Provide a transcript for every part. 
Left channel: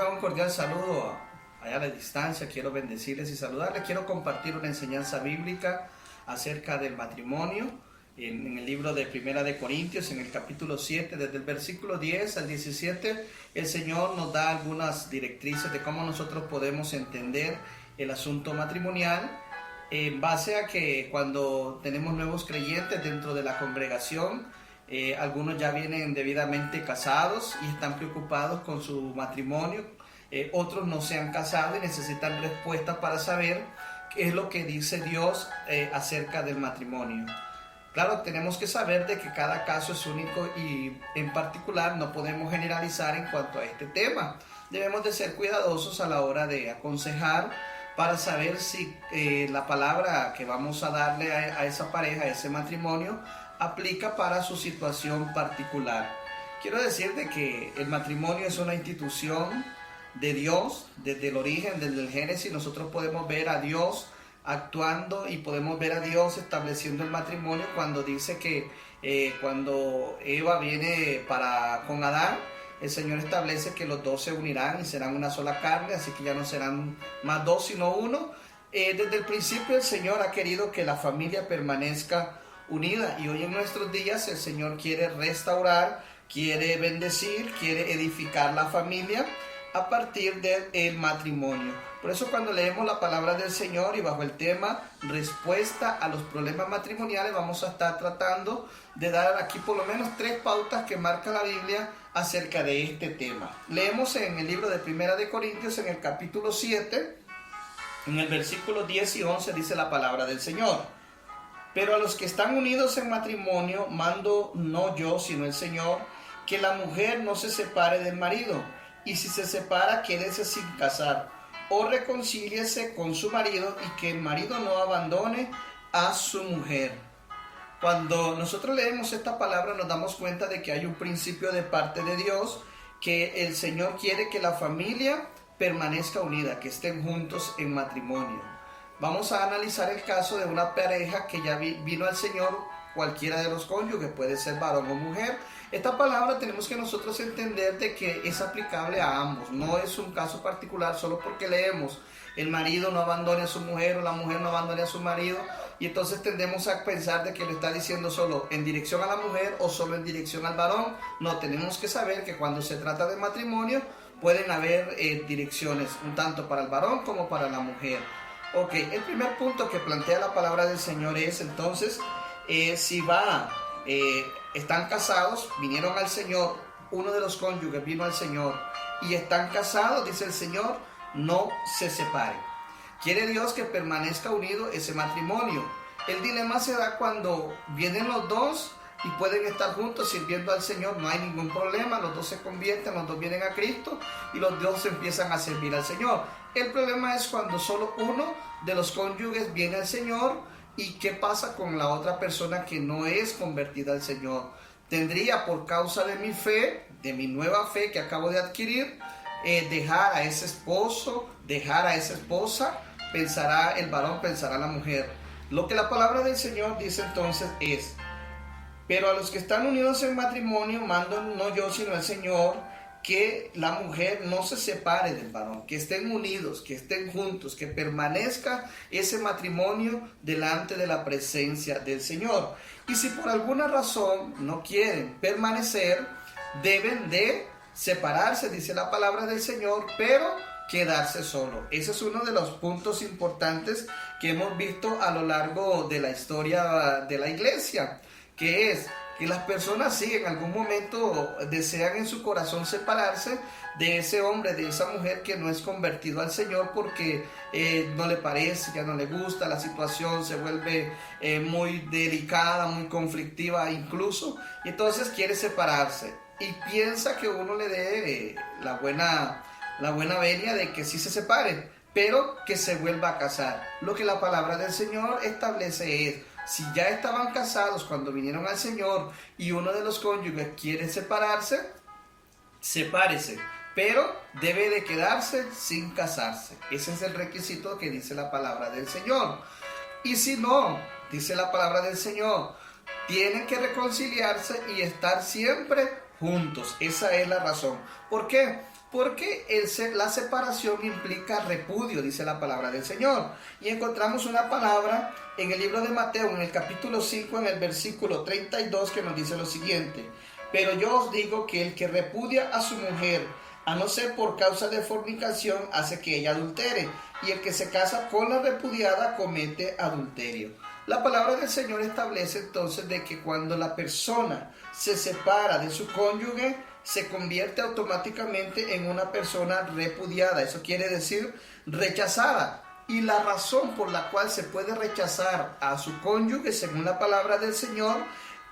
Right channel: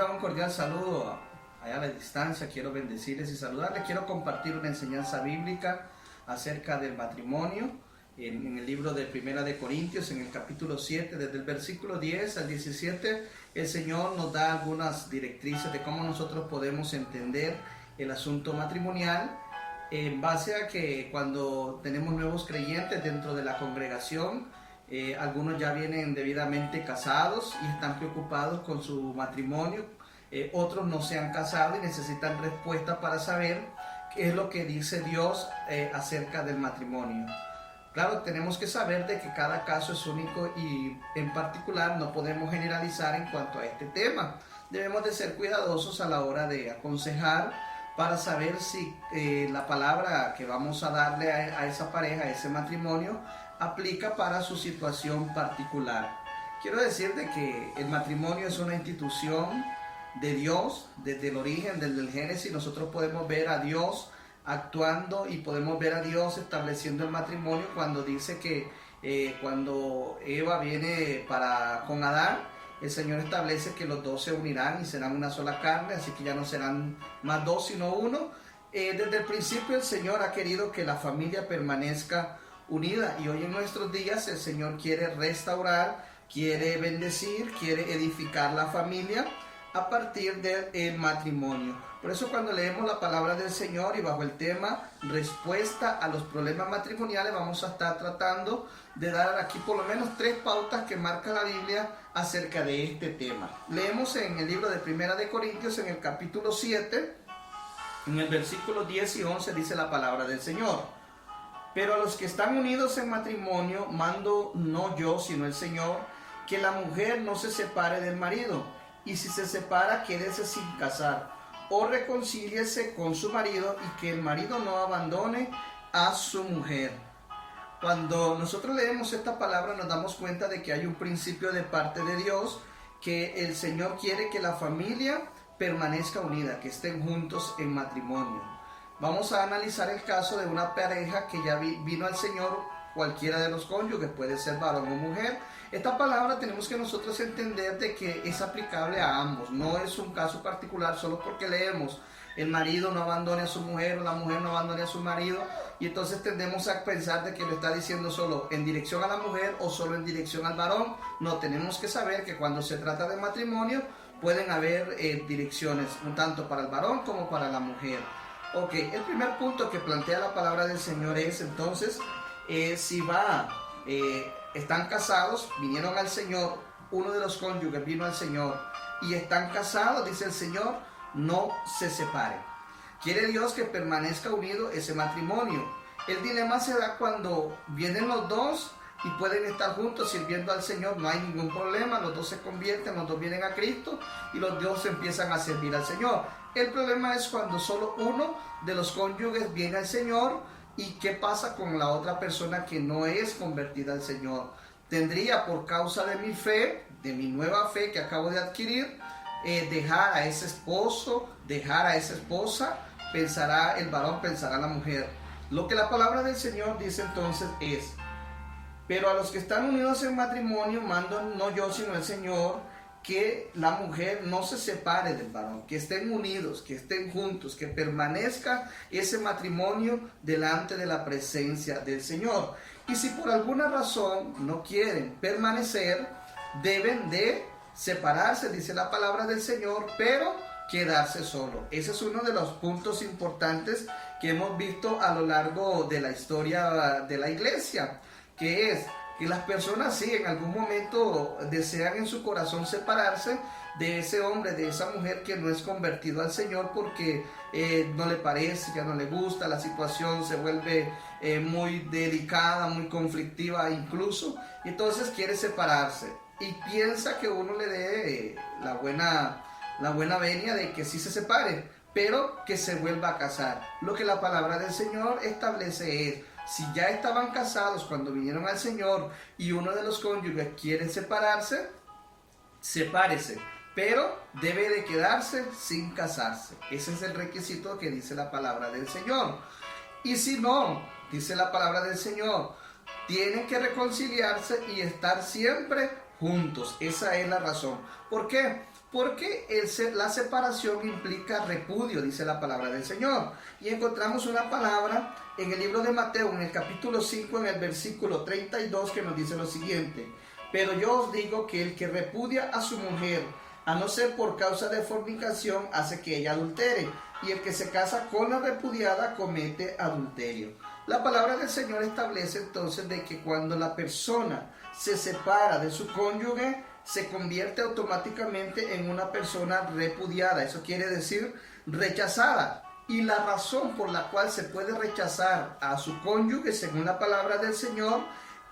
Un cordial saludo allá a la distancia. Quiero bendecirles y saludarles. Quiero compartir una enseñanza bíblica acerca del matrimonio en el libro de Primera de Corintios, en el capítulo 7, desde el versículo 10 al 17. El Señor nos da algunas directrices de cómo nosotros podemos entender el asunto matrimonial, en base a que cuando tenemos nuevos creyentes dentro de la congregación, algunos ya vienen debidamente casados y están preocupados con su matrimonio. Otros no se han casado y necesitan respuestas para saber qué es lo que dice Dios acerca del matrimonio. Claro, tenemos que saber de que cada caso es único y en particular no podemos generalizar en cuanto a este tema. Debemos de ser cuidadosos a la hora de aconsejar para saber si la palabra que vamos a darle a esa pareja, a ese matrimonio, aplica para su situación particular. Quiero decir de que el matrimonio es una institución de Dios. Desde el origen, desde el Génesis, nosotros podemos ver a Dios actuando y podemos ver a Dios estableciendo el matrimonio cuando dice que cuando Eva viene con Adán, el Señor establece que los dos se unirán y serán una sola carne, así que ya no serán más dos sino uno. Desde el principio el Señor ha querido que la familia permanezca unida, y hoy en nuestros días el Señor quiere restaurar, quiere bendecir, quiere edificar la familia a partir del matrimonio. Por eso cuando leemos la palabra del Señor y bajo el tema respuesta a los problemas matrimoniales, vamos a estar tratando de dar aquí por lo menos 3 pautas que marca la Biblia acerca de este tema. Leemos en el libro de Primera de Corintios, en el capítulo 7, en el versículo 10 y 11, dice la palabra del Señor: pero a los que están unidos en matrimonio mando no yo, sino el Señor, que la mujer no se separe del marido, y si se separa, quédese sin casar, o reconcíliese con su marido, y que el marido no abandone a su mujer. Cuando nosotros leemos esta palabra nos damos cuenta de que hay un principio de parte de Dios, que el Señor quiere que la familia permanezca unida, que estén juntos en matrimonio. Vamos a analizar el caso de una pareja que ya vino al Señor, cualquiera de los cónyuges, puede ser varón o mujer. Esta palabra tenemos que nosotros entender de que es aplicable a ambos, no es un caso particular solo porque leemos el marido no abandone a su mujer o la mujer no abandone a su marido, y entonces tendemos a pensar de que lo está diciendo solo en dirección a la mujer o solo en dirección al varón. No, tenemos que saber que cuando se trata de matrimonio pueden haber direcciones, tanto para el varón como para la mujer. Ok, el primer punto que plantea la palabra del Señor es entonces, si están casados, vinieron al Señor, uno de los cónyuges vino al Señor y están casados, dice el Señor, no se separen. Quiere Dios que permanezca unido ese matrimonio. El dilema se da cuando vienen los dos y pueden estar juntos sirviendo al Señor, no hay ningún problema, los dos se convierten, los dos vienen a Cristo y los dos empiezan a servir al Señor. El problema es cuando solo uno de los cónyuges viene al Señor. ¿Y qué pasa con la otra persona que no es convertida al Señor? Tendría, por causa de mi fe, de mi nueva fe que acabo de adquirir, dejar a ese esposo, dejar a esa esposa. Pensará el varón, pensará la mujer. Lo que la palabra del Señor dice entonces es: pero a los que están unidos en matrimonio mando no yo sino el Señor, que la mujer no se separe del varón, que estén unidos, que estén juntos, que permanezca ese matrimonio delante de la presencia del Señor. Y si por alguna razón no quieren permanecer, deben de separarse, dice la palabra del Señor, pero quedarse solo. Ese es uno de los puntos importantes que hemos visto a lo largo de la historia de la iglesia, que es que las personas sí en algún momento desean en su corazón separarse de ese hombre, de esa mujer que no es convertido al Señor, porque no le parece, ya no le gusta, la situación se vuelve muy delicada, muy conflictiva incluso, y entonces quiere separarse y piensa que uno le dé la buena venia de que sí se separe, pero que se vuelva a casar. Lo que la palabra del Señor establece es: si ya estaban casados cuando vinieron al Señor y uno de los cónyuges quiere separarse, sepárese, pero debe de quedarse sin casarse. Ese es el requisito que dice la palabra del Señor. Y si no, dice la palabra del Señor, tienen que reconciliarse y estar siempre juntos. Esa es la razón. ¿Por qué? Porque la separación implica repudio, dice la palabra del Señor. Y encontramos una palabra en el libro de Mateo, en el capítulo 5, en el versículo 32, que nos dice lo siguiente: pero yo os digo que el que repudia a su mujer, a no ser por causa de fornicación, hace que ella adultere, y el que se casa con la repudiada comete adulterio. La palabra del Señor establece entonces de que cuando la persona se separa de su cónyuge, se convierte automáticamente en una persona repudiada. Eso quiere decir rechazada. Y la razón por la cual se puede rechazar a su cónyuge, según la palabra del Señor,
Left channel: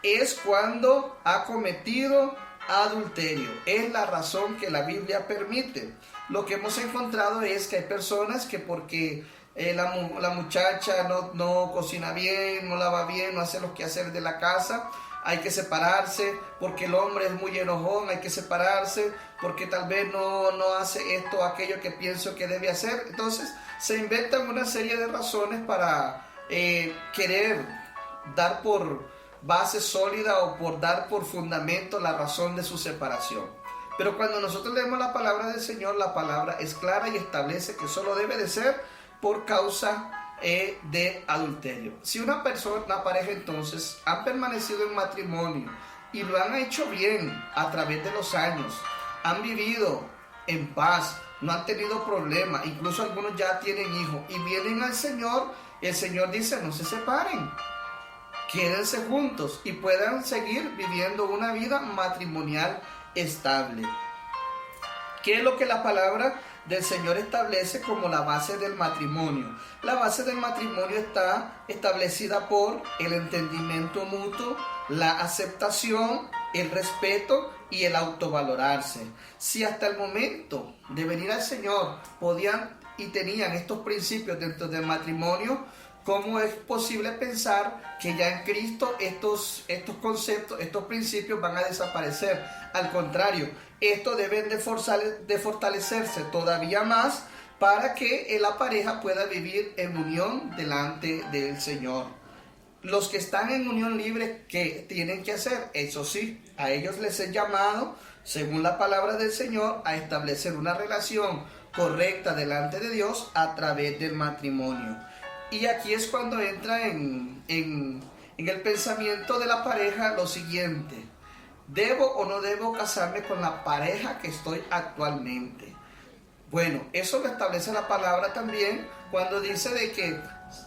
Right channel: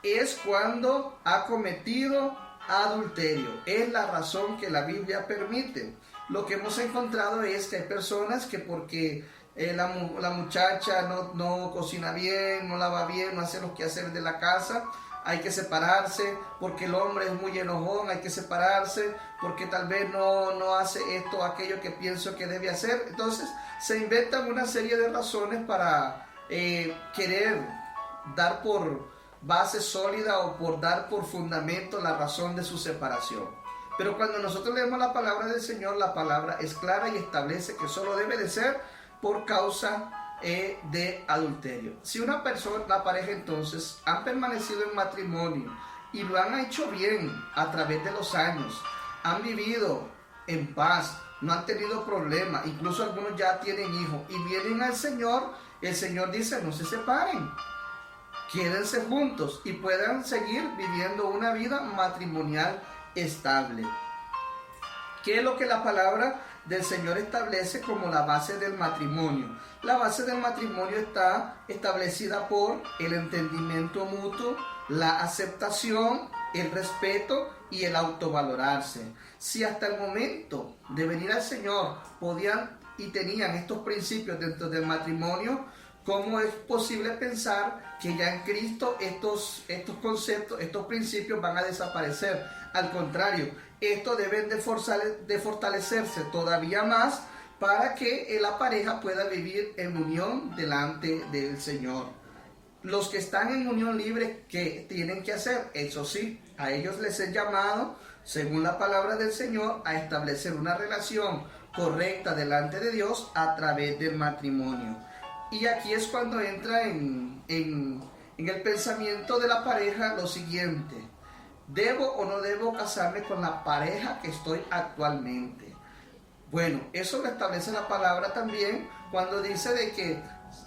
es cuando ha cometido adulterio. Es la razón que la Biblia permite. Lo que hemos encontrado es que hay personas que porque la muchacha no cocina bien, no lava bien, no hace los quehaceres de la casa, hay que separarse. Porque el hombre es muy enojón, hay que separarse. Porque tal vez no hace esto o aquello que pienso que debe hacer. Entonces se inventan una serie de razones para querer dar por base sólida o por dar por fundamento la razón de su separación. Pero cuando nosotros leemos la palabra del Señor, la palabra es clara y establece que solo debe de ser por causa de adulterio. Si una pareja entonces han permanecido en matrimonio y lo han hecho bien a través de los años, han vivido en paz, no han tenido problemas, incluso algunos ya tienen hijos y vienen al Señor, el Señor dice: no se separen, quédense juntos y puedan seguir viviendo una vida matrimonial estable. ¿Qué es lo que la palabra del Señor establece como la base del matrimonio? La base del matrimonio está establecida por el entendimiento mutuo, la aceptación, el respeto y el autovalorarse. Si hasta el momento de venir al Señor podían y tenían estos principios dentro del matrimonio, ¿cómo es posible pensar que ya en Cristo estos conceptos, estos principios van a desaparecer? Al contrario, estos deben de fortalecerse todavía más para que la pareja pueda vivir en unión delante del Señor. Los que están en unión libre, ¿qué tienen que hacer? Eso sí, a ellos les es llamado, según la palabra del Señor, a establecer una relación correcta delante de Dios a través del matrimonio. Y aquí es cuando entra en el pensamiento de la pareja lo siguiente: ¿debo o no debo casarme con la pareja que estoy actualmente? Bueno, eso lo establece la palabra también cuando dice de que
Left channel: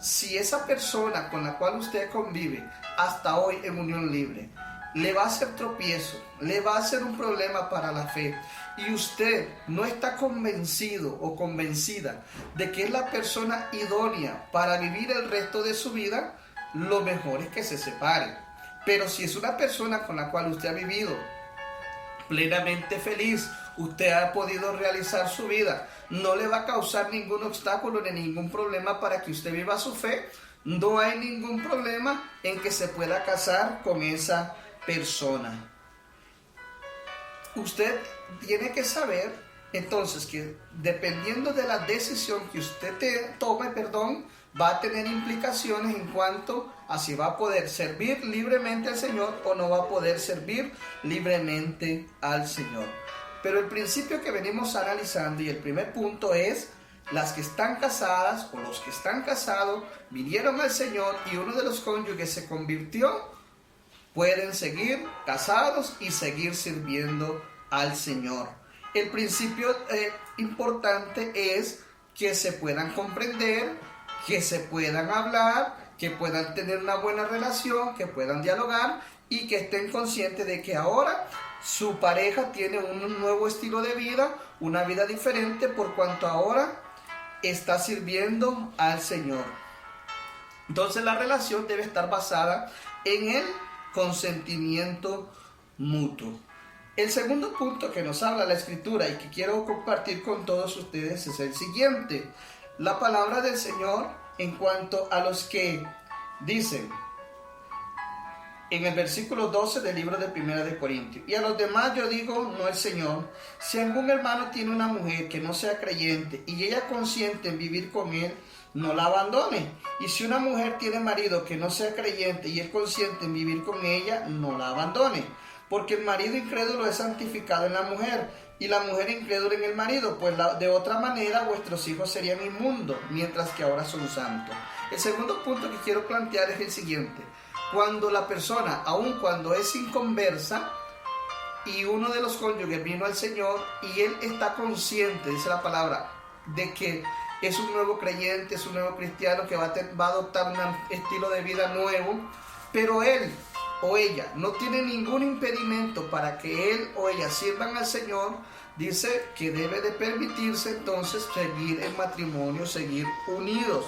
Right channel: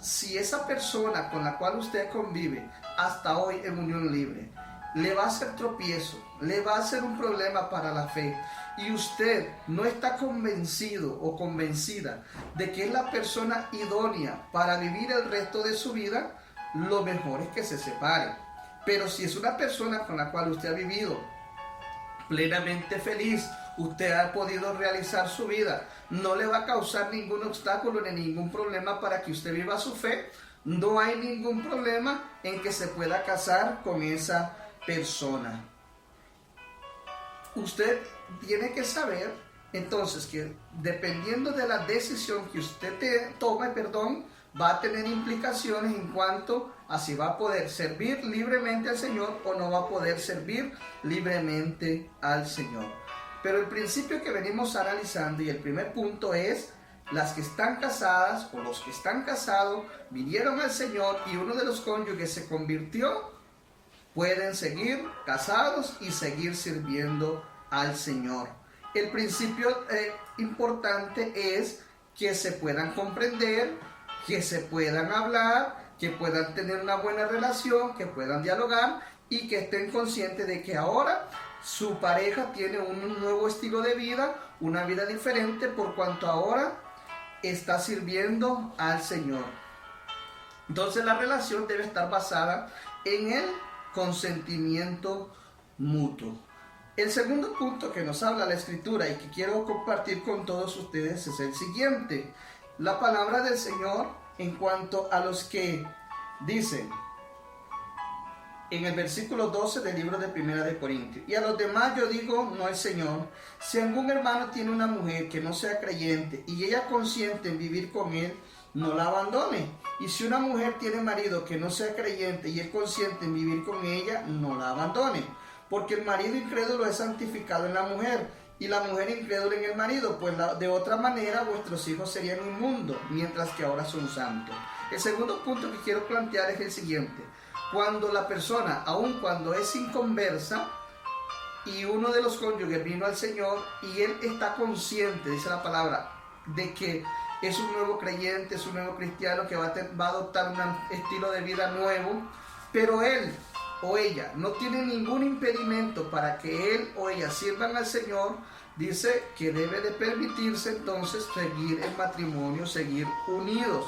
si esa persona con la cual usted convive hasta hoy en unión libre le va a hacer tropiezo, le va a hacer un problema para la fe, y usted no está convencido o convencida de que es la persona idónea para vivir el resto de su vida, lo mejor es que se separe. Pero si es una persona con la cual usted ha vivido plenamente feliz, usted ha podido realizar su vida, no le va a causar ningún obstáculo ni ningún problema para que usted viva su fe, no hay ningún problema en que se pueda casar con esa persona. Usted tiene que saber entonces que dependiendo de la decisión que usted tome, va a tener implicaciones en cuanto a si va a poder servir libremente al Señor o no va a poder servir libremente al Señor. Pero el principio que venimos analizando y el primer punto es: las que están casadas o los que están casados vinieron al Señor y uno de los cónyuges se convirtió, pueden seguir casados y seguir sirviendo al Señor. El principio importante es que se puedan comprender, que se puedan hablar, que puedan tener una buena relación, que puedan dialogar y que estén conscientes de que ahora su pareja tiene un nuevo estilo de vida, una vida diferente, por cuanto ahora está sirviendo al Señor. Entonces la relación debe estar basada en el consentimiento mutuo. El segundo punto que nos habla la Escritura y que quiero compartir con todos ustedes es el siguiente: la palabra del Señor en cuanto a los que dicen en el versículo 12 del libro de Primera de Corintios: y a los demás yo digo, no el Señor, si algún hermano tiene una mujer que no sea creyente y ella consiente en vivir con él, no la abandone. Y si una mujer tiene marido que no sea creyente y él consiente en vivir con ella, no la abandone. Porque el marido incrédulo es santificado en la mujer y la mujer incrédula en el marido, pues de otra manera vuestros hijos serían inmundos, mientras que ahora son santos. El segundo punto que quiero plantear es el siguiente. Cuando la persona, aun cuando es inconversa, y uno de los cónyuges vino al Señor y él está consciente, dice la palabra, de que es un nuevo creyente, es un nuevo cristiano que va a adoptar un estilo de vida nuevo, pero él o ella no tiene ningún impedimento para que él o ella sirvan al Señor, dice que debe de permitirse entonces seguir en matrimonio, seguir unidos.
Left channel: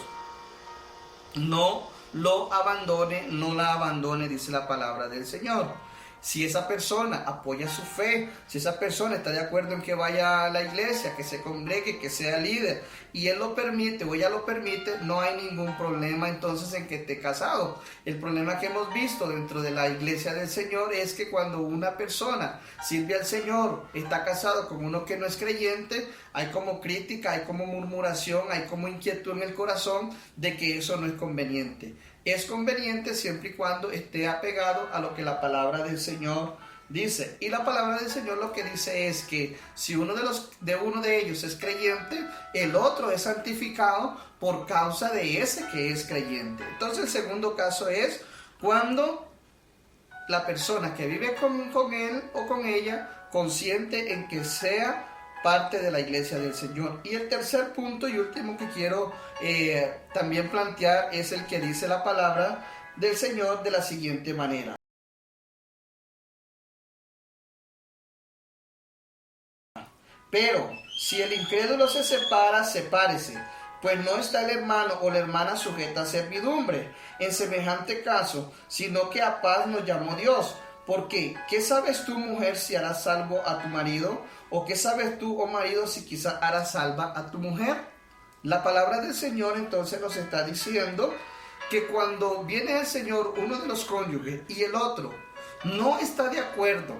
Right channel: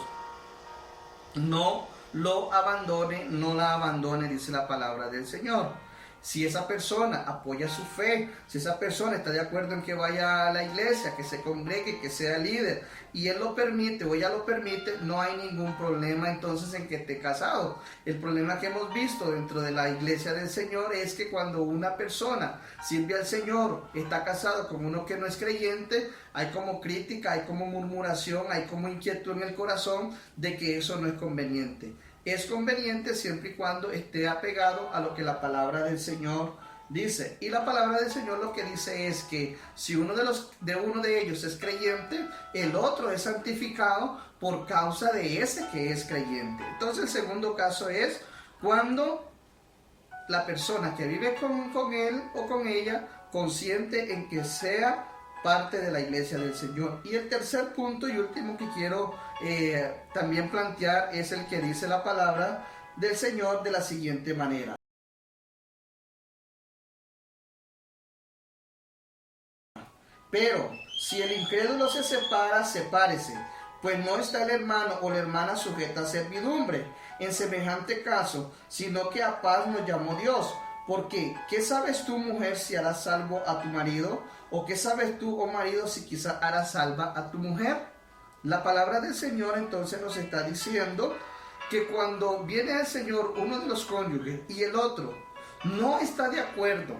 No lo abandone, no la abandone, dice la palabra del Señor. Si esa persona apoya su fe, si esa persona está de acuerdo en que vaya a la iglesia, que se congregue, que sea líder, y él lo permite o ella lo permite, no hay ningún problema entonces en que esté casado. El problema que hemos visto dentro de la iglesia del Señor es que cuando una persona sirve al Señor, está casado con uno que no es creyente, hay como crítica, hay como murmuración, hay como inquietud en el corazón de que eso no es conveniente. Es conveniente siempre y cuando esté apegado a lo que la palabra del Señor dice. Y la palabra del Señor lo que dice es que si uno de ellos es creyente, el otro es santificado por causa de ese que es creyente. Entonces el segundo caso es cuando la persona que vive con él o con ella consciente en que sea parte de la iglesia del Señor. Y el tercer punto y último que quiero también plantear es el que dice la palabra del Señor de la siguiente manera. Pero si el incrédulo se separa, sepárese, pues no está el hermano o la hermana sujeta a servidumbre en semejante caso, sino que a paz nos llamó Dios. Porque, ¿qué sabes tú, mujer, si harás salvo a tu marido? ¿O qué sabes tú, oh marido, si quizás harás salva a tu mujer? La palabra del Señor entonces nos está diciendo que cuando viene al Señor uno de los cónyuges y el otro no está de acuerdo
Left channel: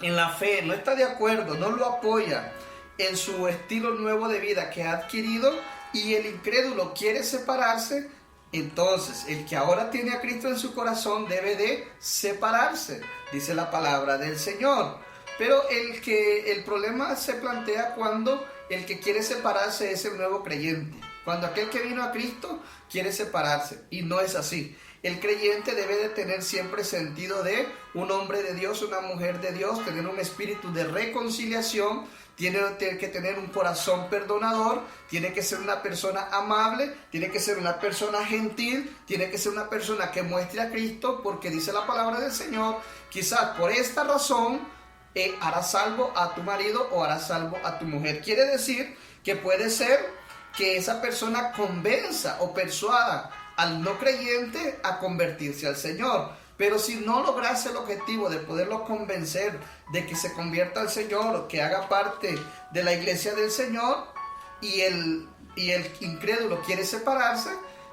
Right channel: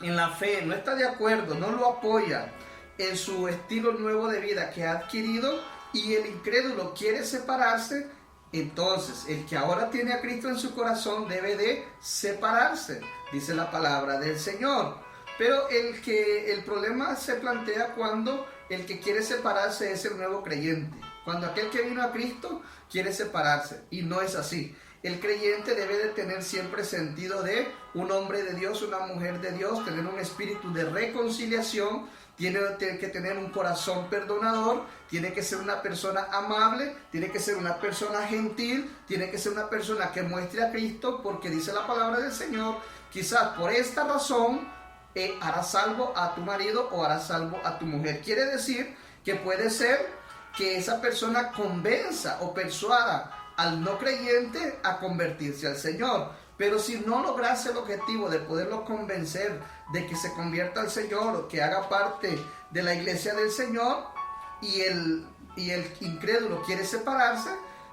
en la fe, no está de acuerdo, no lo apoya en su estilo nuevo de vida que ha adquirido y el incrédulo quiere separarse, entonces el que ahora tiene a Cristo en su corazón debe de separarse, dice la palabra del Señor. Pero el problema se plantea cuando el que quiere separarse es el nuevo creyente. Cuando aquel que vino a Cristo quiere separarse. Y no es así. El creyente debe de tener siempre sentido de un hombre de Dios, una mujer de Dios, tener un espíritu de reconciliación, tiene que tener un corazón perdonador, tiene que ser una persona amable, tiene que ser una persona gentil, tiene que ser una persona que muestre a Cristo, porque dice la palabra del Señor, quizás por esta razón harás salvo a tu marido o harás salvo a tu mujer. Quiere decir que puede ser que esa persona convenza o persuada al no creyente a convertirse al Señor. Pero si no lograse el objetivo de poderlo convencer de que se convierta al Señor o que haga parte de la iglesia del Señor y el incrédulo quiere separarse,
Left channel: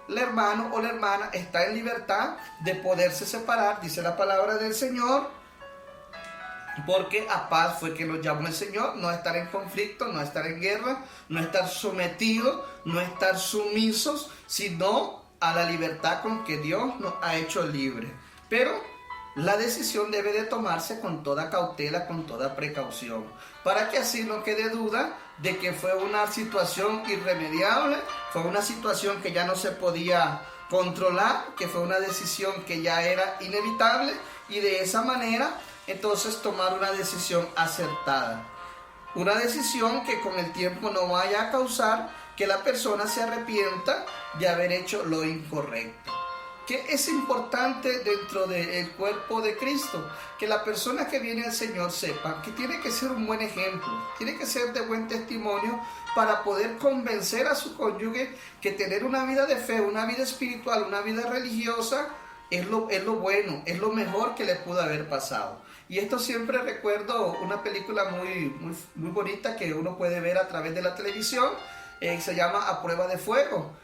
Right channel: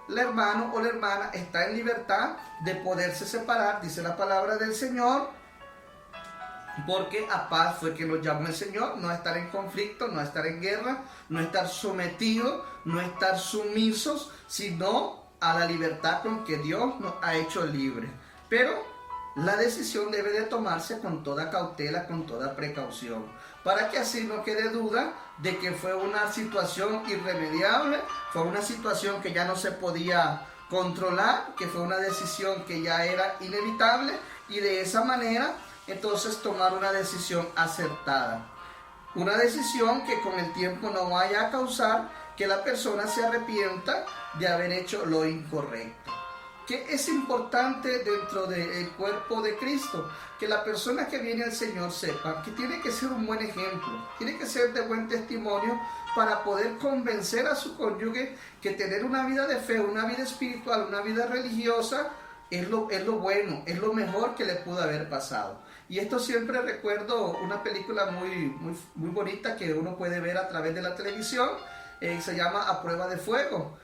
el hermano o la hermana está en libertad de poderse separar, dice la palabra del Señor, porque a paz fue que nos llamó el Señor, no a estar en conflicto, no a estar en guerra, no a estar sometidos, no a estar sumisos, sino a la libertad con que Dios nos ha hecho libres. Pero la decisión debe de tomarse con toda cautela, con toda precaución, para que así no quede duda de que fue una situación irremediable, fue una situación que ya no se podía controlar, que fue una decisión que ya era inevitable, y de esa manera entonces tomar una decisión acertada. Una decisión que con el tiempo no vaya a causar que la persona se arrepienta de haber hecho lo incorrecto. ¿Qué es importante dentro del cuerpo de Cristo? Que la persona que viene al Señor sepa que tiene que ser un buen ejemplo, tiene que ser de buen testimonio para poder convencer a su cónyuge que tener una vida de fe, una vida espiritual, una vida religiosa es lo bueno, es lo mejor que le pudo haber pasado. Y esto siempre recuerdo una película muy bonita que uno puede ver a través de la televisión, se llama A Prueba de Fuego.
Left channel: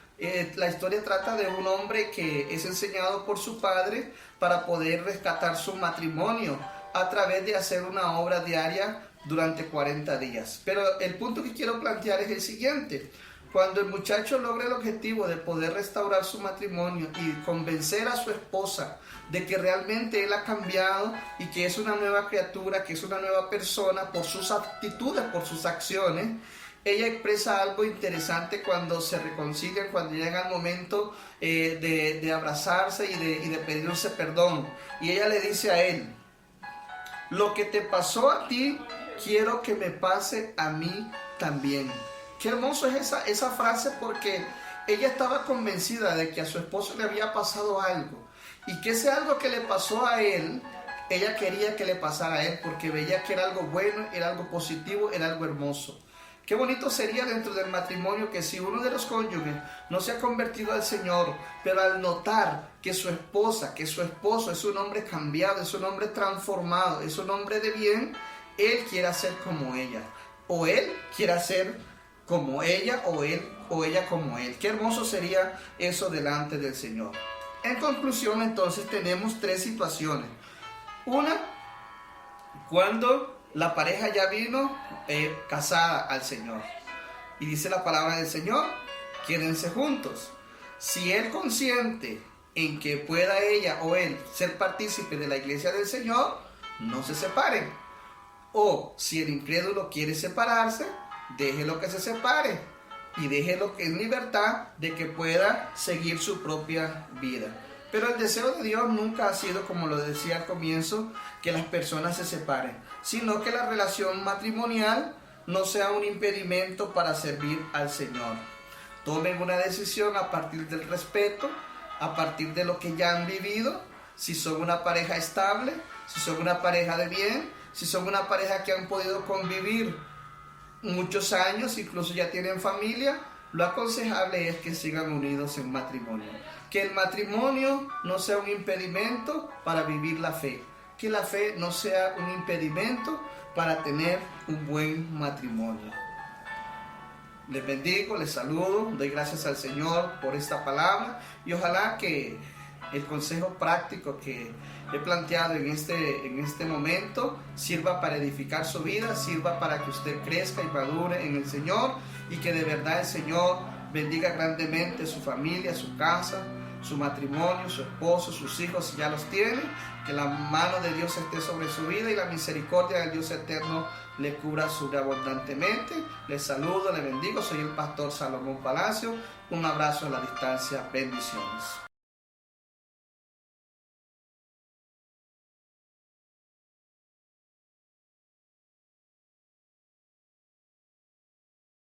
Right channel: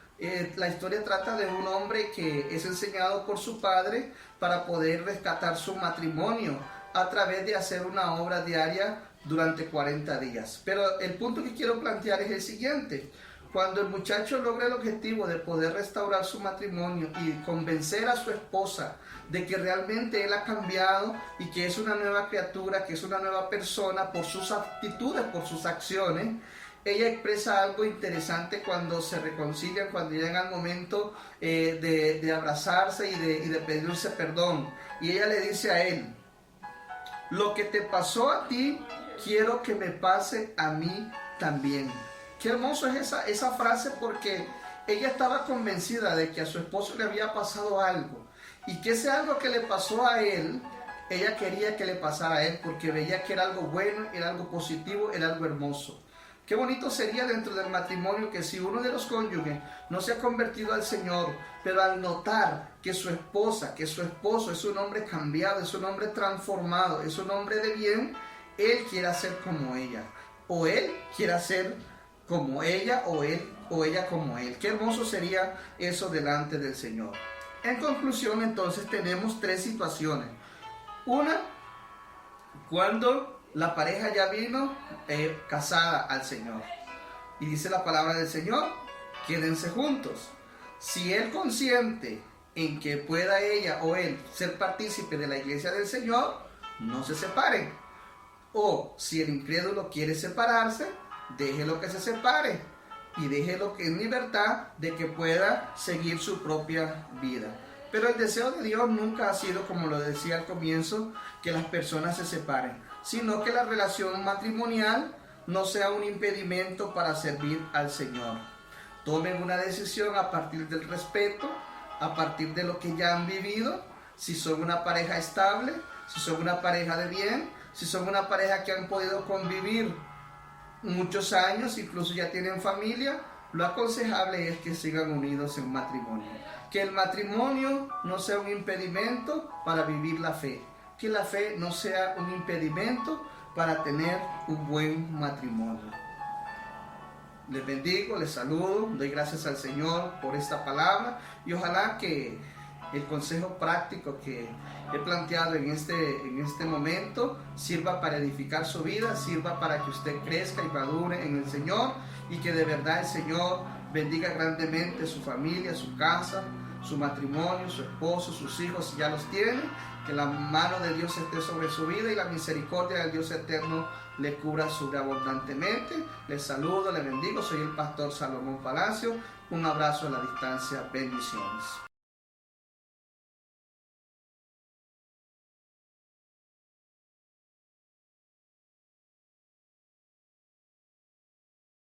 La historia trata de un hombre que es enseñado por su padre para poder rescatar su matrimonio a través de hacer una obra diaria durante 40 días. Pero el punto que quiero plantear es el siguiente. Cuando el muchacho logra el objetivo de poder restaurar su matrimonio y convencer a su esposa de que realmente él ha cambiado y que es una nueva criatura, que es una nueva persona por sus actitudes, por sus acciones, ella expresa algo interesante cuando se reconcilian, cuando llega el momento de abrazarse y de pedirse perdón. Y ella le dice a él: lo que te pasó a ti, quiero que me pase a mí también. Qué hermoso es esa frase, porque ella estaba convencida de que a su esposo le había pasado algo, y que ese algo que le pasó a él, ella quería que le pasara a él, porque veía que era algo bueno, era algo positivo, era algo hermoso. Qué bonito sería dentro del matrimonio que si uno de los cónyuges no se ha convertido al Señor, pero al notar que su esposa, que su esposo es un hombre cambiado, es un hombre transformado, es un hombre de bien, él quiera ser como ella, o él quiera ser como ella, o él o ella como él. Qué hermoso sería eso delante del Señor. En conclusión, entonces, tenemos tres situaciones. Una, cuando la pareja ya vino casada al Señor, y dice la palabra del Señor: quédense juntos. Si él consiente en que pueda ella o él ser partícipe de la iglesia del Señor, no se separen. O si el incrédulo quiere separarse, déjelo que se separe y déjelo en libertad de que pueda seguir su propia vida. Pero el deseo de Dios nunca ha sido, como lo decía al comienzo, que las personas se separen, sino que la relación matrimonial no sea un impedimento para servir al Señor. Tomen una decisión a partir del respeto, a partir de lo que ya han vivido. Si son una pareja estable, si son una pareja de bien, si son una pareja que han podido convivir muchos años, incluso ya tienen familia, lo aconsejable es que sigan unidos en matrimonio. Que el matrimonio no sea un impedimento para vivir la fe. Que la fe no sea un impedimento para tener un buen matrimonio. Les bendigo, les saludo, doy gracias al Señor por esta palabra, y ojalá que el consejo práctico que he planteado en este momento sirva para edificar su vida, sirva para que usted crezca y madure en el Señor, y que de verdad el Señor bendiga grandemente su familia, su casa, su matrimonio, su esposo, sus hijos si ya los tiene. Que la mano de Dios esté sobre su vida y la misericordia del Dios eterno le cubra sobreabundantemente. Les saludo, les bendigo. Soy el pastor Salomón Palacio. Un abrazo a la distancia. Bendiciones.